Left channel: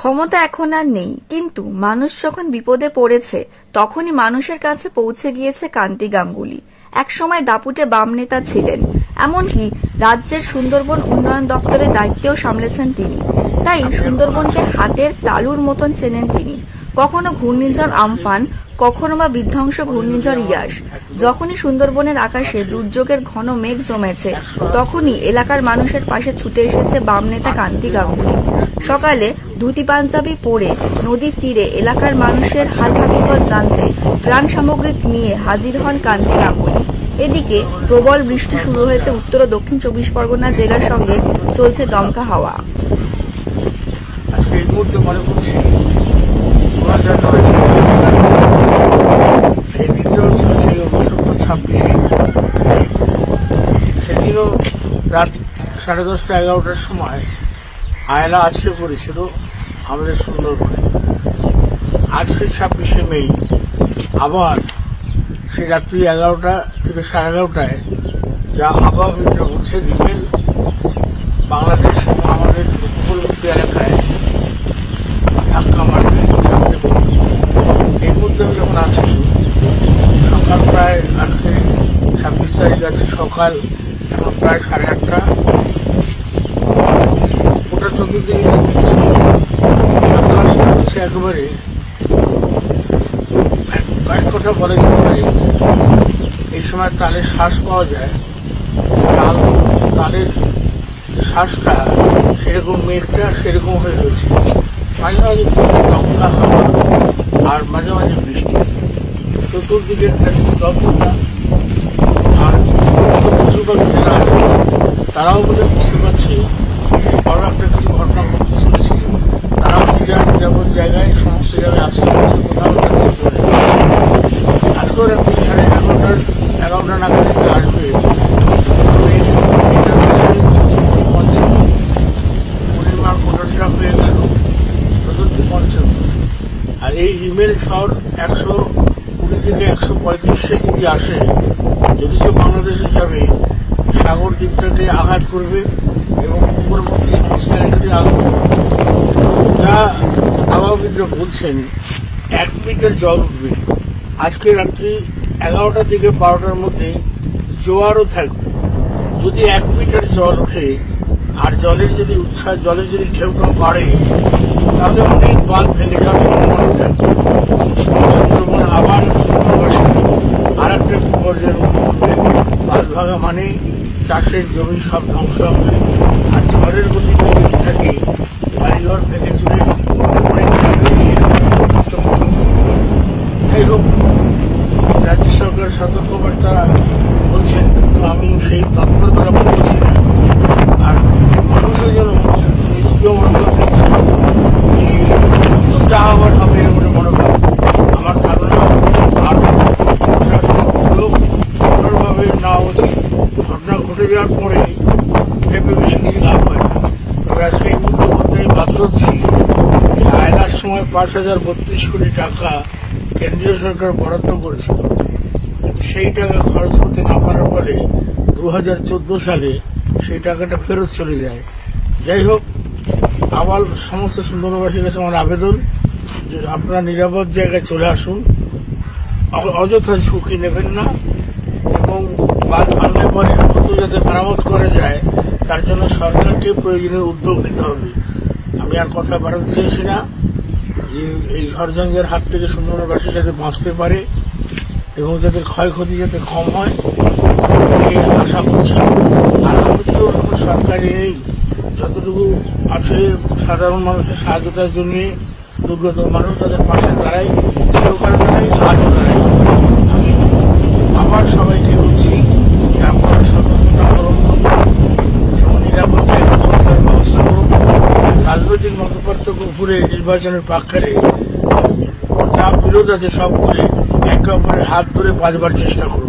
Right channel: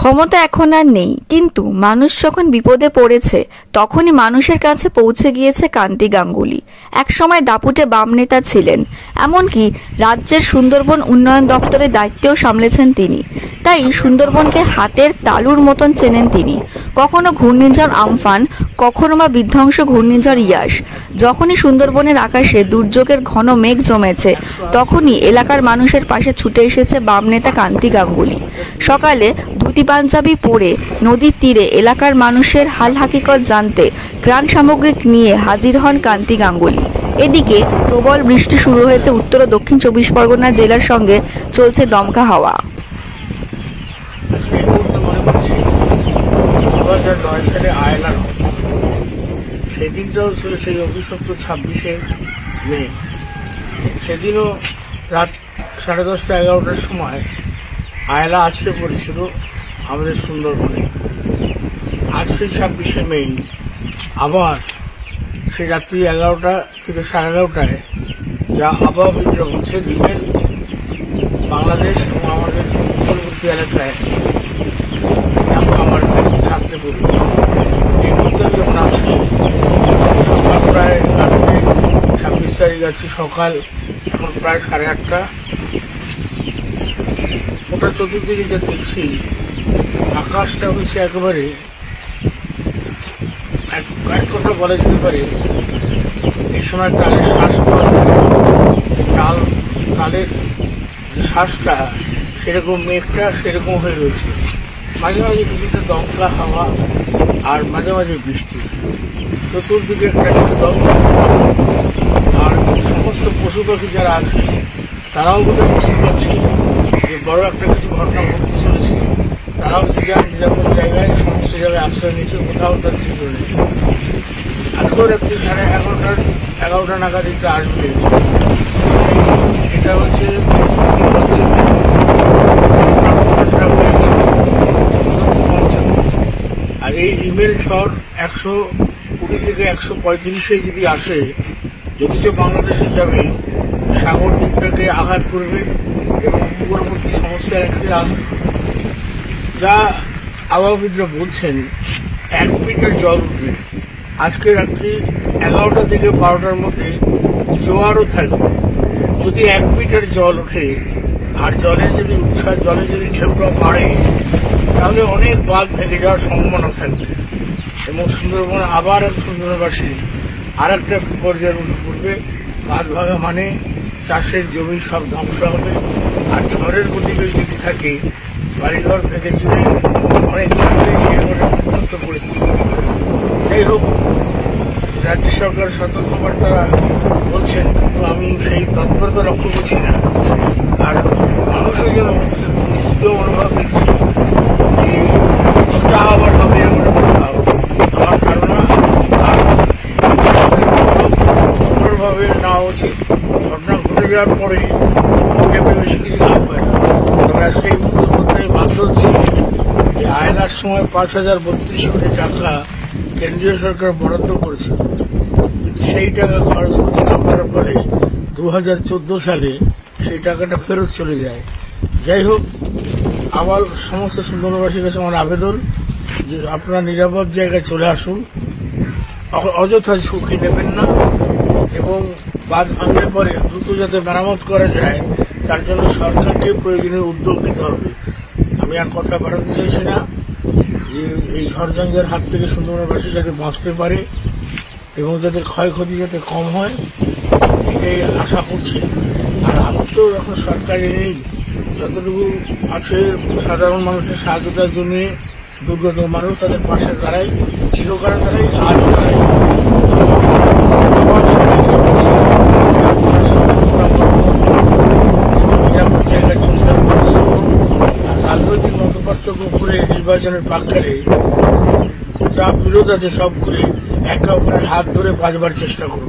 ক্ষমতা এখন আর নেই, কিন্তু মানুষ যখন বিপদে পড়েছে তখনই মানুষের কাছে পৌঁছে গিয়েছে কান্তি গাঙ্গুলি। একসময় দাপুটে বাম নেতা ছিলেন, এমনকি রাজ্যের সুন্দরবন উন্নয়ন দপ্তরের দায়িত্বেও সামলেছেন তিনি। তাই সুন্দরবনকে হাতের তালুর মতন চেনেন তিনি। কখনো ঘূর্ণিঝড় আমফান, কখনো বা বিধ্বংস ঘূর্ণিঝড় ইয়াস। যখনই সুন্দরবনের আকাশে দুর্যোগের ঘন মেঘ জমেছে, তখনই এলাকার মানুষের পাশে ছুটে এসেছে বাম নেতা কান্তি গাঙ্গুলি। সকালে ধুতি পাঞ্জাবি পরে নদীর তীরে এলাকার মানুষের হাল হাকিকত জানতে ত্রাণ সামগ্রিক নিয়ে হাজির হন কান্তি গাঙ্গুলি। এদিকে প্রবল বৃষ্টি শুরু হয়েছে উত্তর ও দক্ষিণ 24 পরগনা জেলার সঙ্গে চলছে দমকা হাওয়া। সেদিনটাও ছিল সেই অভিশপ্ত 26শে মে। সেদিনও রাত 10:30 11টার সময় আয়লা আছড়ে পড়েছিল আমাদের সুন্দরবনে। আজ সেই 26শে মে আবার সেই রাত্রি 11টা থেকে 11:30টায় যা আবহাওয়া বিভাগ বলছে রিমেল বাংলাদেশ এবং আমাদের উপকূলবর্তী এলাকায় ধাক্কা মারবে, ঝাঁপতে পড়বে। এই মুহূর্তে আমি যখন আছি সকাল প্রায় আজকে 26 তারিখ আছে, সকাল এখন প্রায় 8:30টা। ওটা চতুর্দিকে যা দেখছি আকাশটা হচ্ছে একেবারে কয়েক কথা বলা যেতে পারে। এই সময় তালের শ্বাস পাওয়া যায়, তালের যে শ্বাসটা সেরকম মেঘটা সেরকম হয়ে রয়েছে। মাঝে মাঝে দমকা হাওয়া আর মাঝে মাঝে বৃষ্টি, চতুর্দিকে একটা স্তব্ধ। আর সমস্ত পশু পাখি যারা আছে তারাও বোধহয় বুঝতে পারছি বড় একটা কিছু ঘটনা ঘটতে চলেছে। তারাও যার নিরাপদ জায়গায় সমস্ত জায়গায় আশ্রয় নিচ্ছে, কোথাও যাচ্ছে চলে। আজকেও রাত্রি 11:30 নাগাদ আসবে। এটা হচ্ছে পঞ্চম। আর এই রিমেল ঝড় 120 থেকে 135-এ যদি আসে, যদিচ বাংলাদেশে যাবে, সাগর দ্বীপটাকে আঘাত করবে এবং উপকূলবর্তী সমস্ত এলাকাতে আঘাত করবে। যা আবহাওয়াবিদরা বলছেন 1 মিটার জল উঠবে। আজকে রাত্রি 11টা থেকে 12টার মধ্যে জোয়ারও থাকবে। যদি 1 মিটার জল ওঠে আর জলের যদি উচ্ছ্বাস, জলের যদি ঢেউটা বাড়ে, তাহলে অনেক বাঁধ ভেঙে যাওয়ার সম্ভাবনা থাকবে। সুন্দরবনে আবার সুন্দরবাসী আর একটা পর্যায়ের উঠবে। বাঁধ ভাঙা মানে চাষের জমি সব ধ্বংস হবে। আর ঝড়ের গতিবেগে থাকে বাড়িঘর ভেঙে চলে অনেক যাই হোক, রাজ্য সরকার সতর্কবার্তা বলছেন, কিন্তু আমি সেই তৎপরতা লক্ষ্য করছি না। আর মানুষও যেন নিষ্ক্রিয় মনোভাব দেখছে, যা আবার হবে এর মনে মনোভাব আমার ধারণা। আর কঠোরভাবে নেওয়া উচিত। ঘটনা ঘটে যাওয়ার পরে ভেবে বেশি কিছু লাভ হয় না। তবে আজকে এই মুহূর্তে বলতে বাধ্য হচ্ছি যে আয়লার সময় 5,032 কোটি টাকা কেন্দ্রীয় সরকার বরাদ্দ করেছে, কিন্তু সেই টাকা খরচ করতে না পারার ফলে 2014 সালে সেই টাকাটা ফেরত চলে যায়। যাই হোক, আবার সমস্ত সুন্দরবনবাসীর কাছে আমার আবেদন যে আপনারা নিরাপদ জায়গায় চলে আসুন, অযথা ঝুঁকি নেবেন না, এবং বাঁধ ভাঙলে পরে দ্রুত যাতে মেরামত করা যায় তার জন্য সরকারকে প্রয়োজনীয় উদ্যোগ নিতে হবে। আমি আর কথা বাড়াতে চাইছি না। যে এই ঝড়ঝঞ্ঝার হাত থেকে সুন্দরবনবাসী যাতে বাঁচতে পারে এবং যাদের ক্ষয়ক্ষতি যাতে কম হয়, এটাই আশা করছি। আর আমি তো এখন সরকারি নেই, যতটুকু আছে সাধারণ মানুষের সাহায্যটার জন্য দুর্গত মানুষ তাদের পাশে দাঁড়াই, চিরকালে দাঁড়াই, আজও দাঁড়াই। আমি আমার সবাইকে বলছি যে আপনারা সতর্কতা অবলম্বন করুন এবং নিরাপদ জায়গায় চলে যাওয়ার ব্যবস্থা করুন। রাজনৈতিক মতপার্থক্য ভুলে নির্বাচনের প্রাক্কালে যা বিরোধ আছে সব ভুলে একে অপরের হাত ধরে বাঁচবার চেষ্টা করুন।